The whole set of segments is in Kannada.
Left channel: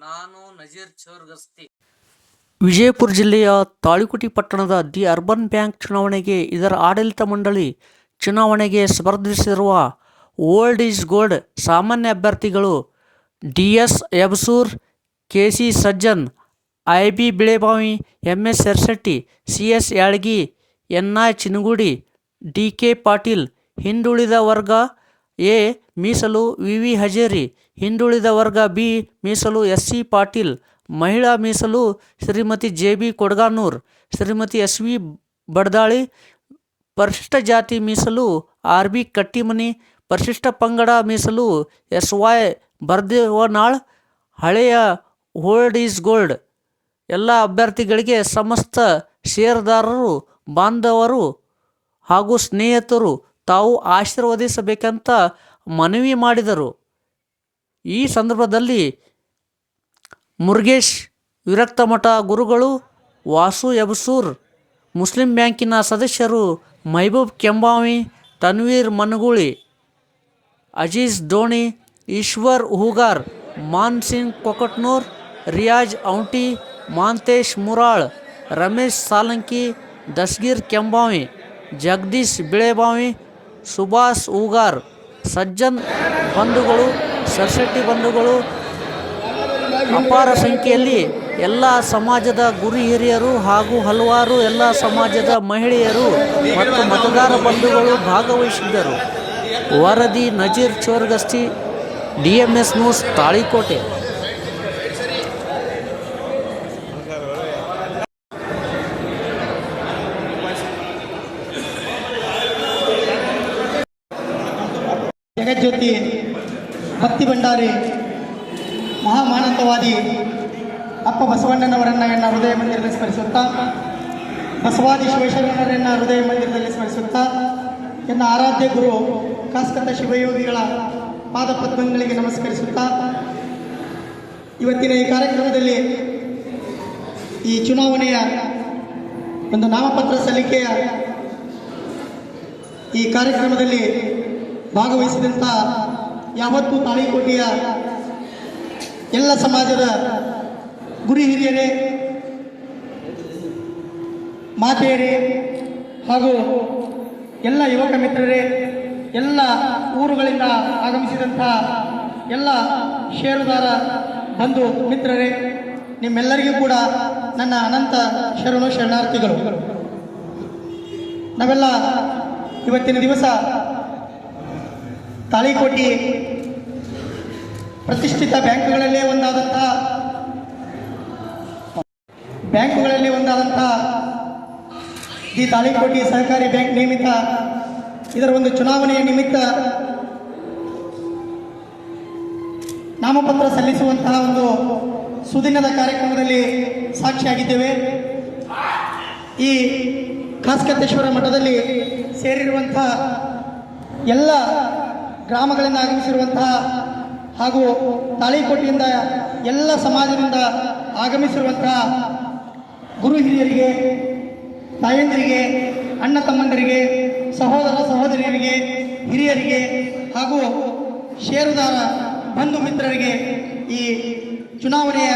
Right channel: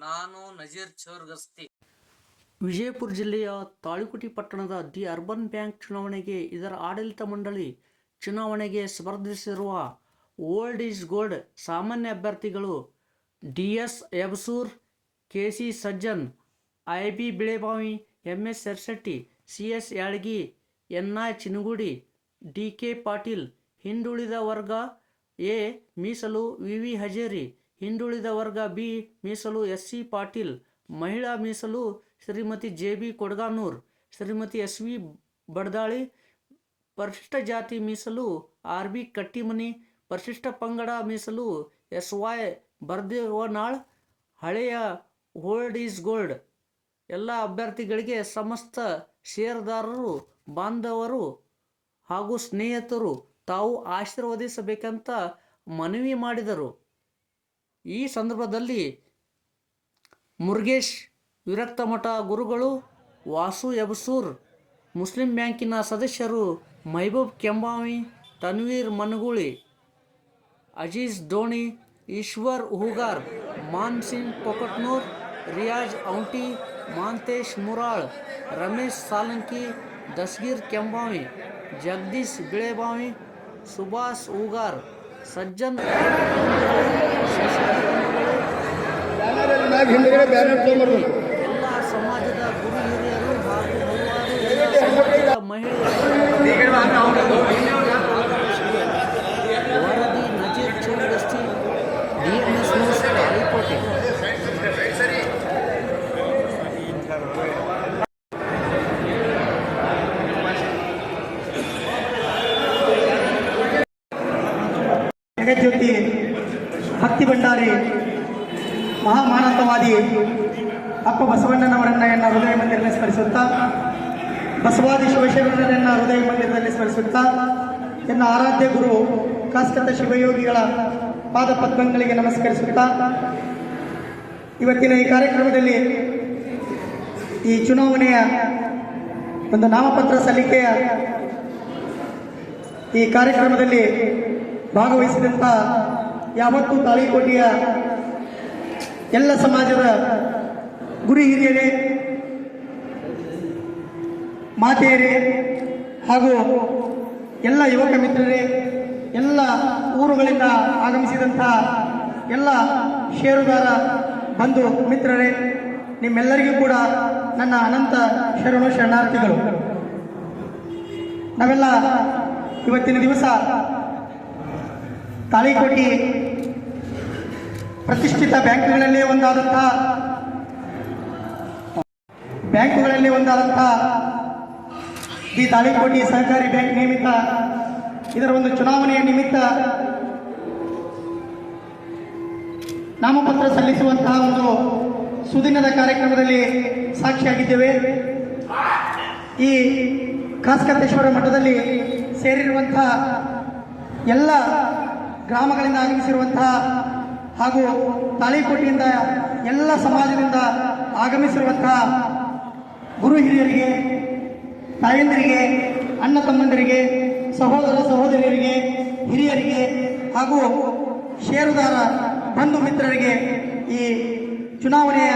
ನಾನು ನಜೀರ್ ಚೌರ್ಗಸ್ತಿ. ವಿಜಯಪುರ ಜಿಲ್ಲೆಯ ತಾಳಿಕುಟಿ ಪಟ್ಟಣದ ದಿ ಅರ್ಬನ್ ಬ್ಯಾಂಕ್ ಚುನಾವಣೆಗೆ ಇದರ ಆಡಳಿತ ಮಂಡಳಿ ಚುನಾವಣೆಗೆ ಸ್ಪರ್ಧಿಸಿರುವ ಓಲ್ಡ್ ಈಸ್ ಗೋಲ್ಡ್ ಸಾಮಾನ್ಯ ಅಭ್ಯರ್ಥಿಗಳು D S Ebsur K C Sajjan I B Bilebavi M S Yarshetti C S Yalgi N I Chinagudi D K Patil ಹಿಂದುಳಿದ ವರ್ಗ ಎ. ಮೀಸಲು ವಿ. ವಿ. ಹಜೇರಿ, ಹಿಂದುಳಿದ ವರ್ಗ ಬಿ. ಮೀಸಲು ಎಸ್. ಸಿ. ಪಾಟೀಲ್, ಮಹಿಳಾ ಮೀಸಲು Shrimati J. B. Kodganur, Shrimati S. V. Baddali, ಪರಿಶಿಷ್ಟ ಜಾತಿ ಮೀಸಲು ಆರ್. ಬಿ. ಕಟ್ಟಿಮನಿ, ಪರಿಶಿಷ್ಟ ಪಂಗಡ ಮೀಸಲು ಎಸ್. ವೈ. ಬರ್ದೇವನಾಳ್, ಹಳೆಯ ಹೋಲ್ಡ್ ಈಸ್ ಗೋಲ್ಡ್. ಎಲ್ಲ ಅಭ್ಯರ್ಥಿಗಳಿಗೆ ಸಮಸ್ತ ಷೇರುದಾರರು, ಬಾಂಧವರು ಹಾಗೂ ಸ್ನೇಹಿತರು ತಾವು ಆಶೀರ್ವದಿಸಬೇಕಂತ ಮನವಿ ಮಾಡಿದರು. ಈ ಸಂದರ್ಭದಲ್ಲಿ ಮುರುಗೇಶ್ ವಿರಕ್ತ ಮಠ ಗುರುಗಳು, ವಾಸು ಯಬಸೂರ್, ಮುಸ್ಲಿಂ ಬ್ಯಾಂಕಿನ ಸದಸ್ಯರು ಮೈಬೂಬ್ ಕೆಂಬಾವಿ, ತನ್ವೀರ್ ಮನಗೂಳಿ, ಅಜೀಜ್ ಡೋಣಿ ಈಶ್ವರ್ ಹೂಗಾರ್, ಮಾನ್ ಸಿಂಗ್ ಕೊಕಟ್ನೂರ್, ರಿಯಾಜ್ ಔಂಟಿ, ಮಾಂತೇಶ್ ಮುರಾಳ್, ರಮೇಶ್ ಸಾಲಂಕಿ, ದಸ್ಗೀರ್ ಕೆಂಬಾವಿ, ಜಗದೀಶ್ ಬಿಳೆಬಾವಿ ಸುಭಾಷ್ ಉಗಾರ್ ಸಜ್ಜನ್ ಬಂಧುಗಳು ಸೊಸೈಟಿ ಬಂಧುಗಳು. ಅಪಾರ ಸಂಖ್ಯೆಯಲ್ಲಿ ಎಲ್ಲ ಸಮಾಜದ ಗುರು ಹಿರಿಯರು ಹಾಗೂ ಹಲವಾರು ಎಲ್ಲ ಸಮಾಜದ ಮಹಿಳೆಯರು ಮತದಾರ ಬಂಧುಗಳು ಭಾಗವಹಿಸಿದ್ದರು. ವರದಿ Nazir Chorgasti D M S news Talikote. ಜಗಜ್ಯೋತಿ ಭಕ್ತಿ ಭಂಡಾರಿ, ಮಹಾಮಾನಂದವಾದಿ ಅಪ್ಪ ಬಸವಣ್ಣನವರನ್ನ ಎನ್ನ ಹೃದಯ ಮಂದಿರದಲ್ಲಿ ಸ್ಮರಿಸುತ್ತಾ, ಬಸವಾದಿ ಶಿವಶರಣರನ್ನ ಹೃದಯ ಮಂದಿರದಲ್ಲಿ ಸ್ಮರಿಸುತ್ತಾ, ಎನ್ನ ಆರಾಧ್ಯ ಗುರು ಕಾಸ್ಕತ ಶಿವಯೋಗಿಗಳ ಪಾದ ಪದ್ಮಗಳಿಗೆ ನಮಸ್ಕರಿಸುತ್ತಾ, ಇವತ್ತಿನ ಈ ಕಾರ್ಯಕ್ರಮದಲ್ಲಿ ಈ ಚುನಾವಣೆಯ ಒಂದು ನಾಮಪತ್ರ ಸಲ್ಲಿಕೆಯ ಈ ಕಾರ್ಯಕ್ರಮದಲ್ಲಿ ಭಾಗವಹಿಸಿದಂಥ ಯಾವತ್ತೂ ತಾಳಿಕೋಟೆಯ ಎಲ್ಲ ಸಮಾಜದ ಗುರಿ ಹಿರಿಯರೇ, ಮಾತೆಯರೇ ಹಾಗೂ ಎಲ್ಲ ಯುವಕ ಮಿತ್ರರೇ, ಎಲ್ಲ ಊರುಗಳಿಂದ ಆಗಮಿಸಿದಂಥ ಎಲ್ಲ ಷೇರುದಾರ ಬಂಧು ಮಿತ್ರರೇ, ನಿಮ್ಮೆಲ್ಲರಿಗೂ ಕೂಡ ನನ್ನ ಅನಂತ ಶರಣು ಶರಣಾರ್ಥಿಗಳು. ನಾವೆಲ್ಲ ಇವತ್ತಿನ ದಿವಸ ತಾಳಿಕೋಟಿ ಪ್ರತಿಷ್ಠಿತ ಬ್ಯಾಂಕ್ಗಳಲ್ಲೇ ಒಂದಾದಂಥ ಬ್ಯಾಂಕುಗಳಲ್ಲಿ ಒಂದಾದಂಥ ಈ ತಾಳಿಕೋಟಿ ಸಹಕಾರಿ ಬ್ಯಾಂಕ್ ನಿಮಿತ್ತ ಇದರ ಒಂದು ಚುನಾವಣೆಯ ನಿಮಿತ್ತ ನಾಮಪತ್ರ ಸಲ್ಲಿಸುವಂತಹ ಒಂದು ಸುದಿನದ ಕಾರ್ಯಕ್ರಮದಲ್ಲಿ ಸಾಕ್ಷಿಯಾಗಿದ್ದೇವೆ. ಈ ಕಾಸ್ಕತ್ತೇಶ್ವರ ಮಠದಲ್ಲಿ ಸೇರಿರುವಂಥ ಎಲ್ಲ ಗ್ರಾಮಗಳಿಂದ ಆಗಮಿಸಿರುವಂತಹ ಹಾಗೂ ತಾಳಿಕೋಟೆಯಿಂದ ಎಲ್ಲ ಸಮಾಜದಿಂದ ಆಗಮಿಸಿರುವಂತಹ ಗುರು ಹಿರಿಯರಿಗೆ, ತಾಯಂದಿರಿಗೆ, ಅಣ್ಣ ತಮ್ಮಂದಿರಿಗೆ, ಸಹೋದರ ಸಹೋದರಿಯರಿಗೆ, ಹಿರಿಯರಿಗೆ ಹಾಗೂ ಷೇರುದಾರ ಬಂಧು ಮಿತ್ರರಿಗೆ ಈ ಚುನಾವಣೆಯ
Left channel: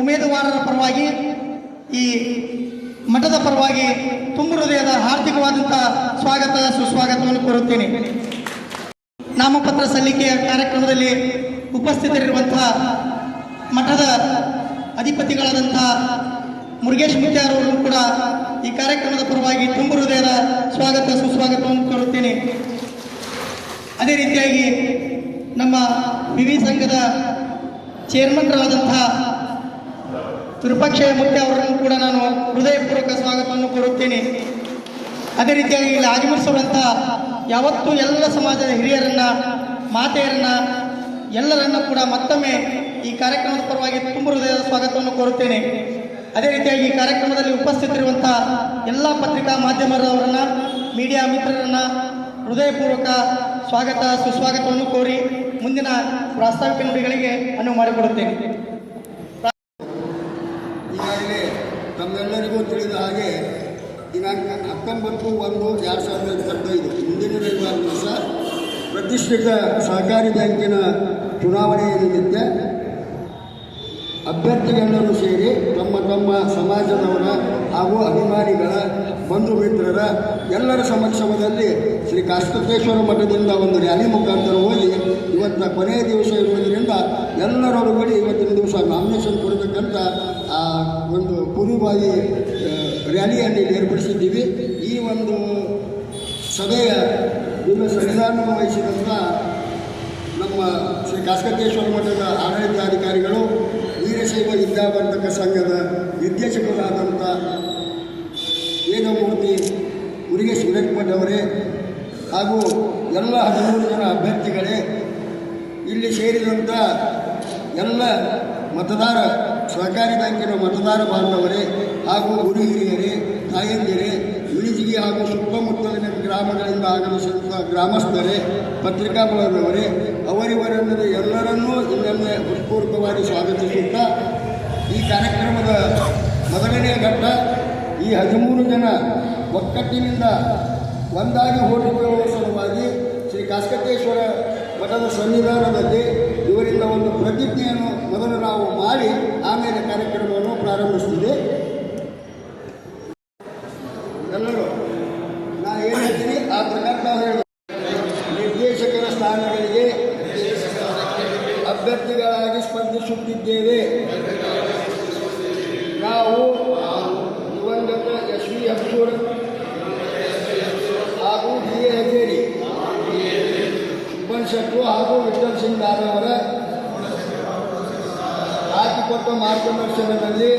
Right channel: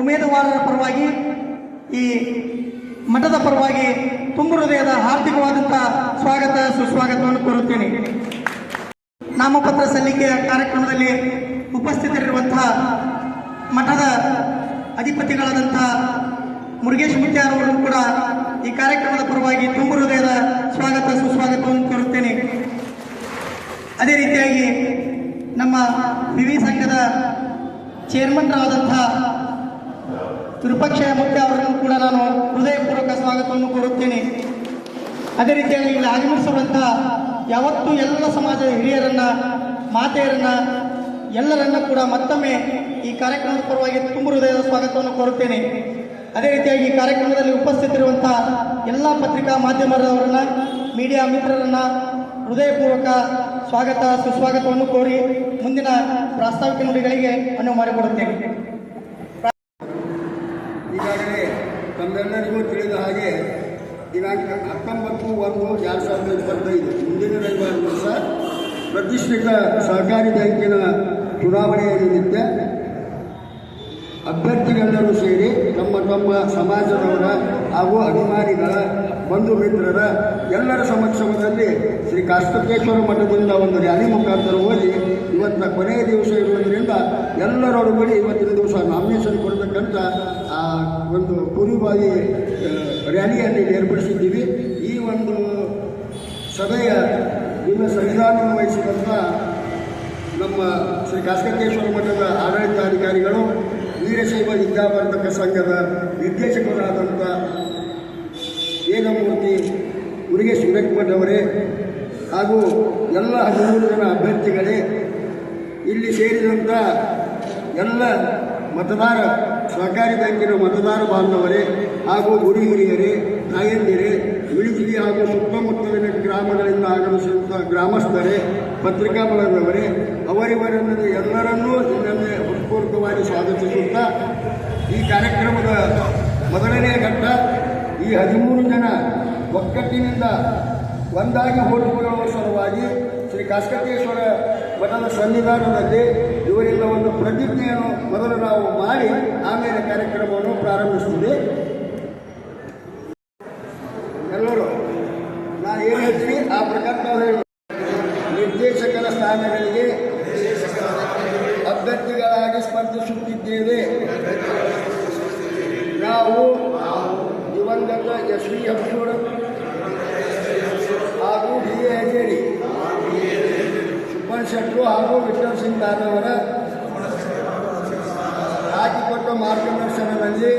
ಉಮೇದುವಾರರ ಪರವಾಗಿ, ಈ ಮಠದ ಪರವಾಗಿ ತುಂಬ ಹೃದಯದ ಹಾರ್ದಿಕವಾದಂಥ ಸ್ವಾಗತ, ಸುಸ್ವಾಗತವನ್ನು ಕೋರುತ್ತೇನೆ. ನಾಮಪತ್ರ ಸಲ್ಲಿಕೆಯ ಕಾರ್ಯಕ್ರಮದಲ್ಲಿ ಉಪಸ್ಥಿತರಿರುವಂತಹ ಮಠದ ಅಧಿಪತಿಗಳಾದಂತಹ ಮುರುಗೇಶ್ ಮುತ್ಯಾರವರನ್ನು ಕೂಡ ಈ ಕಾರ್ಯಕ್ರಮದ ಪರವಾಗಿ ತುಂಬು ಹೃದಯದ ಸ್ವಾಗತ, ಸುಸ್ವಾಗತವನ್ನು ಕೋರುತ್ತೇನೆ. ಅದೇ ರೀತಿಯಾಗಿ ನಮ್ಮ ವಿವಿ ಸಂಘದ ಚೇರ್ಮನ್ರಾದಂತಹ ವಿಪಕ್ಷ ಮುಖ್ಯ ಅವರನ್ನು ಕೂಡ ನಾನು ಹೃದಯಪೂರ್ವಕ ಸ್ವಾಗತವನ್ನು ಕೋರುತ್ತೇನೆ. ಅದೇ ರೀತಿಯಾಗಿ ಇಲ್ಲಿ ಆಗಮಿಸಿರುವಂತಹ ಯಾವತ್ತೂ ಎಲ್ಲ ಸಮಾಜದ ಹಿರಿಯರನ್ನ, ಮಾತೆಯರನ್ನ, ಎಲ್ಲರನ್ನ ಕೂಡ ಮತ್ತೊಮ್ಮೆ ಈ ಕಾರ್ಯಕ್ರಮದ ಪರವಾಗಿ ತುಂಬ ಹೃದಯದ ಸ್ವಾಗತವನ್ನು ಕೋರುತ್ತೇನೆ. ಅದೇ ರೀತಿಯಾಗಿ ಈ ಕಾರ್ಯಕ್ರಮದಲ್ಲಿ ಉಪಸ್ಥಿತಿರುವಂತಹ ಎಲ್ಲ ಪತ್ರಿಕಾ ಮಾಧ್ಯಮದವರನ್ನ, ಮೀಡಿಯಾ ಮಿತ್ರರನ್ನ ಹೃದಯಪೂರ್ವಕ ಸ್ವಾಗತ, ಸುಸ್ವಾಗತವನ್ನು ಕೋರಿ ಮುಂದಿನ ಪ್ರಾಸ್ತಾವಿಕ ನುಡಿಗಳಿಗೆ ಅನುವು ಮಾಡಿಕೊಡುತ್ತೇನೆ. ಈಗಾಗಲೇ ತಮ್ಮೆಲ್ಲರಿಗೂ ತಿಳಿದ ಹಾಗೆ ದಿನಾಂಕ ಹತ್ತೊಂಬತ್ತು ಒಂದು ಎರಡು ಸಾವಿರದ ಇಪ್ಪತ್ತೈದು ಪ್ರತಿಷ್ಠಿತ ಸಹಕಾರಿ ಬ್ಯಾಂಕಿನ ಚುನಾವಣೆಯ ನಿಮಿತ್ತ ಅಭ್ಯರ್ಥಿಗಳೆಲ್ಲರೂ ಸೇರಿ ತಮ್ಮ ತಮ್ಮ ಸಮಾಜದವರ ಹಾಗೂ ಅಭಿಮಾನಿಗಳ, ಬಂಧು ಮಿತ್ರರ ಎಲ್ಲರ ಸಮಕ್ಷಮದಲ್ಲಿ ಶ್ರೀ ಕಾಸ್ತಕೇಶ್ವರ ಮಠದಿಂದ ಒಂದು ರ್ಯಾಲಿ ಮುಖಾಂತರ ಹೋಗಿ ಇವತ್ತ ಕೊನೆಯ ದಿವಸ ಇರುವುದರಿಂದ ಎಲ್ಲರೊಳಗಡೆ ಇವತ್ತಿನ ದಿವಸ ನಾಮಿನೇಷನ್ ಕೊಡತಕ್ಕಂಥ ಆ ಒಂದು ಕುರುಬಾಯಿ ರ್ಯಾಲಿಯನ್ನು ಏರ್ಪಡಿಸಿದ್ದೀವಿ. ಈ ಒಂದು ಸಭೆಯ ಇನ್ನು ಸಂವಿಧಾನ ವಹಿಸಿದಂಥ ನಮ್ಮ ಶ್ರೀ ಕಾಸ್ಕಟೇಶ್ವರ ಮಠದ ಆಡಳಿತಾಧಿಕಾರಿಗಳು ವೀರಶೈವ ವಿದ್ಯಾವರ್ಧಕ ಸಂಘದ ನಿರ್ದೇಶಕರಾದಂಥ ವೇದಮೂರ್ತಿ ಮುರುಗೇಶ್ ಅವರೇ ಹಾಗೂ ಎಲ್ಲ ಹದಿಮೂರು ಜನ ಅಭ್ಯರ್ಥಿಗಳೇ, ಇಲ್ಲಿ ಸೇರಿದಂಥ ಎಲ್ಲ ಮತದಾರ, ಸಹಕಾರಿ ಬ್ಯಾಂಕಿನ ಮತದಾರ ಬಾಂಧವರೇ ಹಾಗೂ ಗುರು ಹಿರಿಯರೇ, ತಾಯಂದಿರೇ ಇಳಿಜಿಗಿ ಹಾಗೂ ಸುತ್ತಮುತ್ತಲಿನ ಗ್ರಾಮಗಳಿಂದ ಆಗಮಿಸಿದಂಥ ಗ್ರಾಮಸ್ಥರೇ ಪತ್ರಿಕಾ ಬಳಗದವರೇ ಅವರಿವರನ್ನು ಎಲ್ಲರನ್ನೂ ಇನ್ನೊಮ್ಮೆ ಹೃತ್ಪೂರ್ವಕವಾಗಿ ಸ್ವಾಗತಿಸುತ್ತಾ, ಈ ಕಾರ್ಯಕ್ರಮದ ಮೊದಲನೇ ಘಟ್ಟ ಈ ಹದಿಮೂರು ಜನ ಒಕ್ಕಟ್ಟಿನಿಂದ ಒಂದಾಗಿ ಹೋರಾಡುವ ಸಲುವಾಗಿ ಶ್ರೀ ಕಾಸ್ಕಟೇಶ್ವರ ಮಠದ ಸನ್ನಿಧಾನದಲ್ಲಿ ಇವರಿಂದ ಒಂದು ಪ್ರತಿಜ್ಞೆಯನ್ನು ಮೊದಲು ನಾವು ಮಾಡಿ, ಆಮೇಲೆ ಕಾರ್ಯಕ್ರಮವನ್ನು ಪ್ರಾರಂಭಿಸ್ತೀವಿ ಎಲ್ಲರೂ ನಾನು ಏನು ಹೇಳ್ತೀನಿ ಆ ಪ್ರಕಾರ ನಾವು ಹೇಳಿ ನಿರ್ದೇಶಕರ ಸ್ಥಾನಗಳಿಗೆ ಅಭ್ಯರ್ಥಿಗಳಾಗಿ ಸ್ಪರ್ಧಿಸುತ್ತಿದ್ದೇವೆ ನಾವು ದಿವಂಗತ ಎಸ್ ವಿ ಹಂಸೂರ್ ಹಾಗೂ ಡಿ ಎ ಹೆಗೇರಿ ಶೆಟ್ರು ಹಾಗೂ ವಿಕ್ರಮ್ ಸಿಂಗ್ ದಾದವರ ಹಾಕಿಕೊಟ್ಟ ಮಾರ್ಗದರ್ಶನದಲ್ಲಿ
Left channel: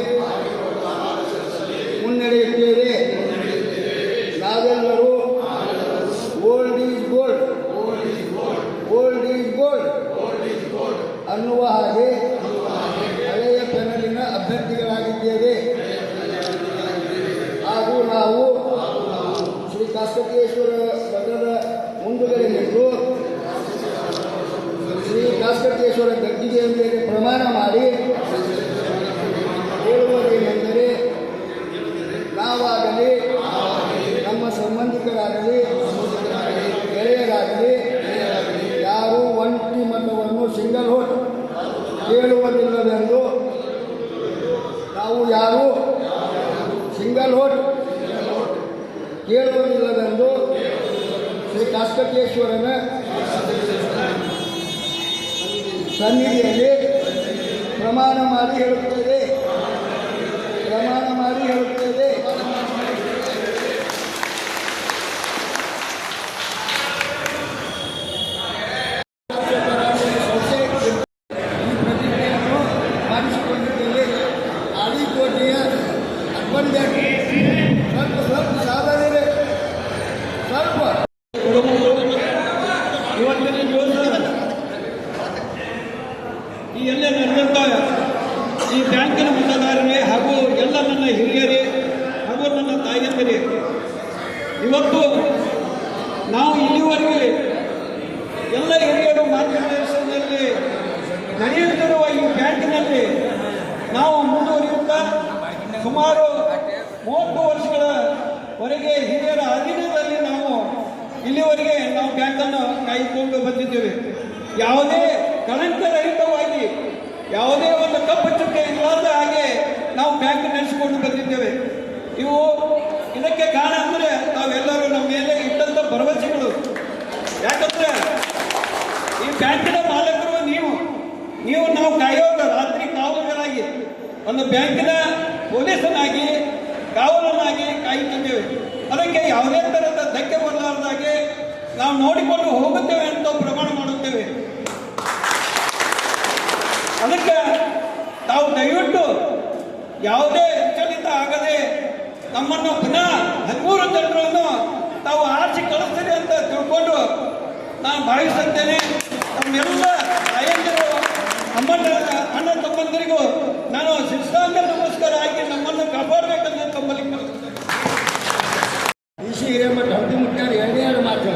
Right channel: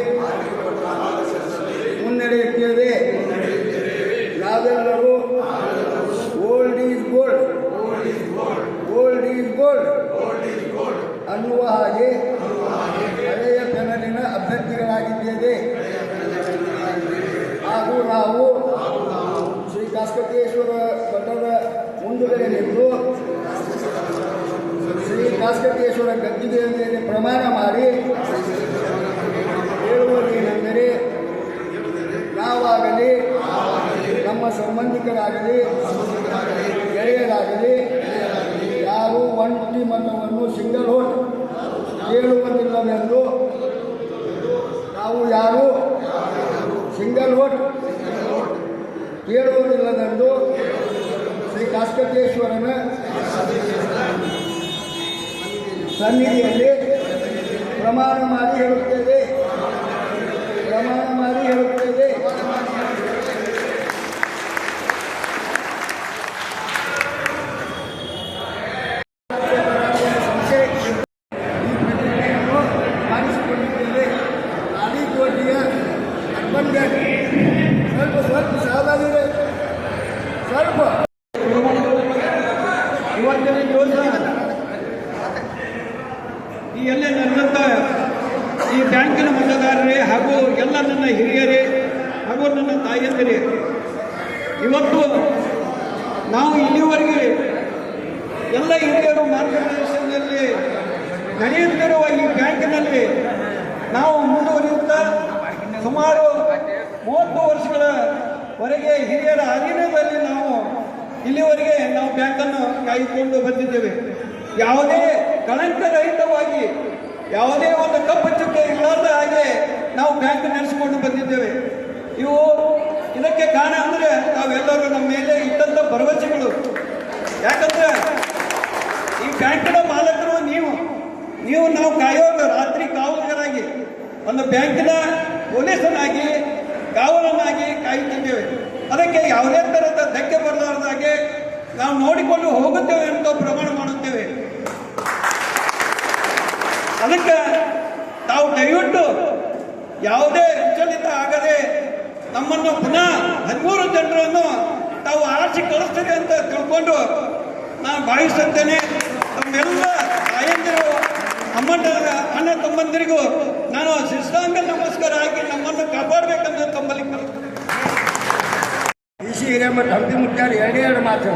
ಮುನ್ನಡೆಯುತ್ತೇವೆ ನಾವೆಲ್ಲರೂ old is gold, old is gold ಅನ್ನುವ ಹಾಗೆ ಹಳೆಯ ಪೆನಲಿನ ಅಭ್ಯರ್ಥಿಗಳಾಗಿದ್ದೇವೆ. ಹಾಗೂ ನಾವು ಈ ಎಲ್ಲ ನಡೆದಂಥ ಈ ಬ್ಯಾಂಕಿನ ಮತದಾರರೇ ಹಾಗೂ ಎಲ್ಲ ನನ್ನ ಹಿರಿಯರೇ ಹಾಗೂ ನನ್ನ ತಾಯಿಯಂದಿರೇ ಇವತ್ತು ನಾವು ಇಲ್ಲಿವರೆಗೆ ಎಲ್ಲ ಹಿರಿಯರು ಮಾರ್ಗದರ್ಶನದಲ್ಲಿ ನಡೆಯುತ್ತಿರುವ ಈ ಬ್ಯಾಂಕಿನಲ್ಲಿ ನಾವು ಮುಂದುವರಿಯುತ್ತಾ ಸುಮಾರು ಮೂವತ್ತು ವರ್ಷಗಳವರೆಗೆ ಹಿರಿಯರ ಅಧೀನದಲ್ಲಿ ನಾವು ಇಲ್ಲಿವರೆಗೆ ನಾವು ಬ್ಯಾಂಕನ್ನು ಕಾಯ್ದುಕೊಂಡು ಬಂದಿದ್ದೇವೆ. ಯಾವುದೇ ಕಳಂಕರಹಿತವಾಗಿ ಯಾವುದೇ ಒಂದು ಕಪ್ಪು ಚುಕ್ಕೆ ಇಲ್ಲದ ಹಾಗೆ ನಾವು ಬ್ಯಾಂಕ್ ನಡೆಸಿಕೊಂಡು ಬಂದಿದ್ದೇವೆ. ಇವು ಇದಕ್ಕೆ ಕಾರಣ ಅಂದರೆ ನಾವೆಲ್ಲರೂ ನಮ್ಮ ಮೇಲೆ ಇಟ್ಟಂಥ ಭರವಸೆಗಳು. ಯಾಕಂದ್ರೆ ಈ ಬ್ಯಾಂಕಿನ ಮಾಲಕರು ನೀವು. ನೀವು ನಾವು ಕಾಯೋಗ ರಾತ್ರಿ ಕಾವಲುಗರಾಗಿ ಒಂದು ಬ್ಯಾಂಕಿನ ಪೊಲೀಸನಾಗಿ, ಕಾವಲನಾಗಿ ಕಾಯುತ್ತಿದ್ದೇವೆ. ಅದಕ್ಕೆ ಯಾವುದೇ ಥರದ ಧಕ್ಕೆ ಬರಲಾರದಾಗೆ ನಾವು ನೋಡಿಕೊಂಡು ಹೋಗುತ್ತೇವೆ ಅಂತ ಪ್ರಮಾಣ ಮಾಡುತ್ತೇವೆ. ಅದಕ್ಕೆ ತಾವು ದಯವಿಟ್ಟು ಯಾವುದೇ ವಿಚಲಿತ ಆಗದೆ ನಮ್ಮನ್ನು ಪುನಃ ಹದಿಮೂರು ಜನರನ್ನು ತಾವು ಆರಿಸಿ ಕಳಿಸ್ತೀರಿ ಅಂತ ತಿಳ್ಕೊಂಡು ನಾನು ಭಾವಿಸುತ್ತೇನೆ. ನಮ್ಮೆಲ್ಲ ತಾಯಂದಿರು ಅಮ್ಮನ ಅಣ್ಣ ತಮ್ಮಂದಿರಿಗೂ ನಾನು ಶಿಸ್ತಾಂಗ ನಮಸ್ಕಾರ ಆಗಿ ನಮ್ಮನ್ನು ಕಾಪಾಡಬೇಕಂತ ತಮ್ಮಲ್ಲಿ ಕಲಿಸ್ತೇನೆ. ಡಿ ಸಿ ಹಿರೇಮಠ ಹಂಪಿ ಮುಟ್ಟಾರೆ ಎರಡೇ ಎರಡು ಮಾತು